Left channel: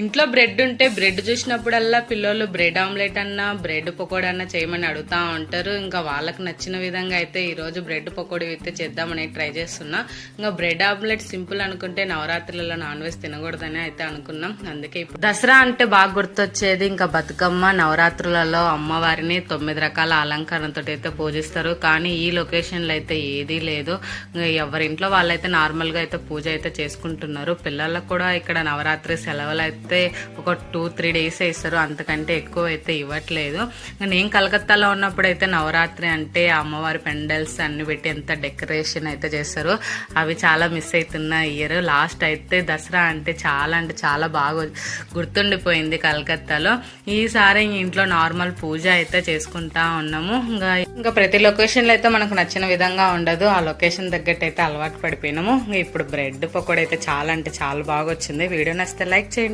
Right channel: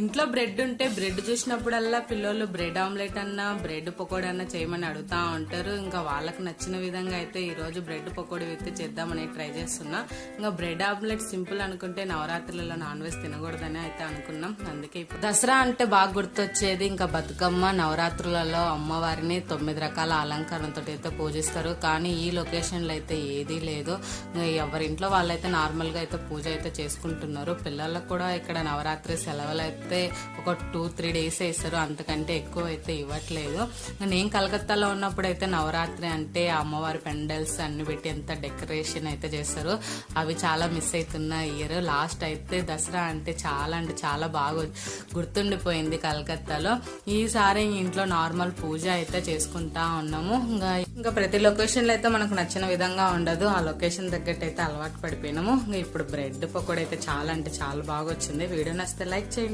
ఇంట్లో బ్రెడ్ ఉంటే బ్రెడ్ చూసినప్పుడల్లా పిల్లలు బ్రెడ్ ఆమ్లెట్ అన్నా బ్రెడ్ పకోడీ అన్నా చేయమని అడుగుతా ఉంటారు. ఇంకా వాళ్ళకి నచ్చిన విధంగా అయితే ఈ రోజు బ్రెడ్ పకోడీ అయితే చేద్దామని ట్రై చేస్తున్నా. ఇంకా బ్రెడ్ ఆమ్లెట్ సింపుల్ అనుకుంటే నవరాత్రులలో నాన్ వెజ్ తినకూడదని అయితే అనుకున్నాం. అందుకే ఇప్పుడు దసరా అంటే బాగా గుర్తొచ్చేది ఇంకా బతుకమ్మ. నవరాత్రులలో అమ్మవారిని 9 రకాల అలంకరణతో అయితే పూజిస్తారు. కానీ ఈ లొకేషన్ లో అయితే ఏదీ లేదు. ఎవరింట్లో వాళ్ళైతే నార్మల్ గా అయితే పూజ అయితే చేసుకుంటున్నారు. పిల్లలకు కూడా ఇక్కడ నవరాత్రి సెలవులు అయితే ఒక 2-3 డేస్ ఇస్తారు, అంతకంటే ఎక్కువ అయితే ఇవ్వట్లేదు. నేను కలకత్తాలో ఉన్నప్పుడు అయితే నవరాత్రి అంటే అమ్మవారి పెండల్స్ అన్ని పెట్టి ఎంత డెకరేషన్ అయితే చేస్తారు. అవి చాలా మిస్ అవుతున్న ఇయర్. లాస్ట్ అయితే దసరా అంటే చాలా బాగా గుర్తుండిపోయింది కలకత్తాలో. ఈసారి ఇంట్లో నార్మల్ పూజ అయితే చేసుకుంటా ఉన్నాము. ఇంకా ప్రతి లొకేషన్ లో అయితే మనకు నచ్చిన విధంగా ఉండదు. ఆ లొకేషన్ తగ్గట్టు అయితే అలవాటు పడిపోయినాము. ఇప్పుడు బ్రెడ్ పకోడీ అయితే చాలా బాగా వచ్చింది. వీడియో నచ్చితే లైక్ చేయండి.